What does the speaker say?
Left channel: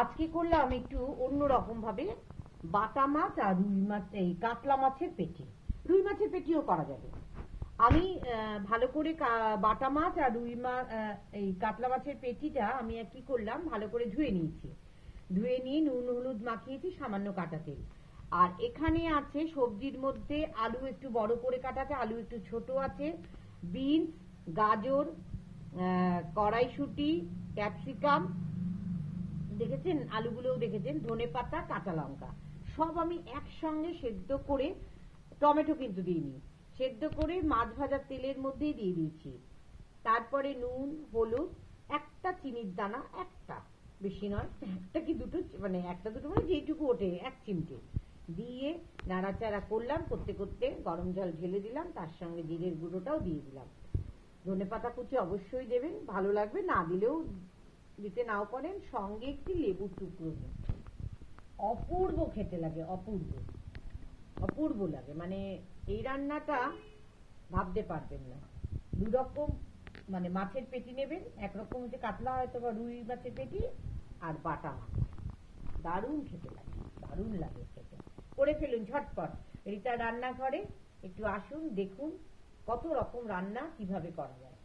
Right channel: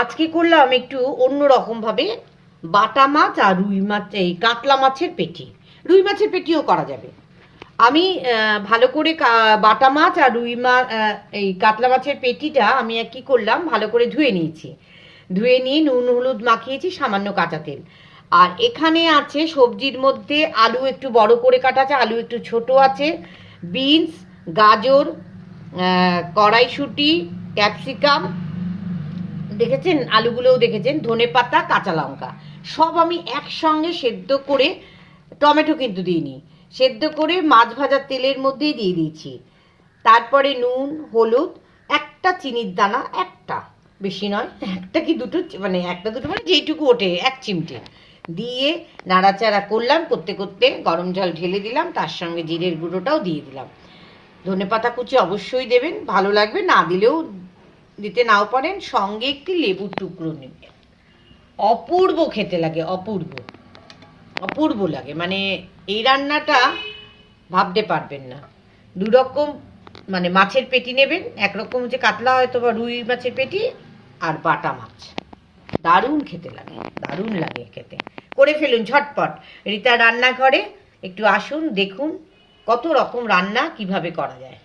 আজকে করলাম একটু অন্যরকম ভাবে বাটা মাছ আর রুই মাছ, এই কাতলা মাছের পেটি। রুই মাছের পেটিও করা যাবে। আমি ভালো করে বাটা মাছ আর রুই মাছ, এই কাতলা মাছের পেটিটা আমি কি করলাম, ভালো করে ধুয়ে নিয়েছি। ধুয়ে নিয়ে নুন হলুদ মাখিয়েছি, সামান্য কাঁচা তেল। আর এখানে আছে সবজির মধ্যে আলু একটু বড় করে কাটা আছে, আলু একটু ছোট আছে, বিনস, গাজর, কড়াইশুঁটি, ক্যাপসিকাম, দেখেছেন আলুগুলোও দেখেছেন, ধনেপাতা, কাঁচা লঙ্কা, সব আমি একসঙ্গে সেদ্ধ করে, টমেটো কিন্তু দিইনি, সেদ্ধ করে মাছ ভাজার তেলের মধ্যেই দিয়ে দিয়েছি। তারপরে নুন হলুদ, একটা চিনির দানা, একটা, বেশি নয়, একটা কি দুটো, মানে একটা দুটো মানে যেইটুকু ওঠে, এক চিমটে দিয়ে নাড়াচাড়া করলাম। করতে করতে গরম জল ঢেলে দিলাম, তার সঙ্গে জিরের গুঁড়োটাও দিয়ে দিলাম। ধনেপাতা কুচি অবশ্যই দেবেন, ভালো লাগবে, না দিলেও দিতে নাও পারেন। সঙ্গে একটি লেবুর টুকরো নেবেন। অপূর্ব খেতে লাগে, অপূর্ব, অপূর্ব লাগে, মানে এই রান্নাটা ভাবতে পারবেন না। দুরকম, মানে মাছের পেটি নেবেন, একরকম হচ্ছে কাতলা হয়তো বা রুই মাছের পেটি, আর বাটা মাছ, দারুণ খেতে লাগে, দারুণ লাগে খেতে। করে ফেলুন ঝটপট। রীতা রান্নাঘরে একটু আসুন, দেখুন কত রকম রান্না কিভাবে করা যায়।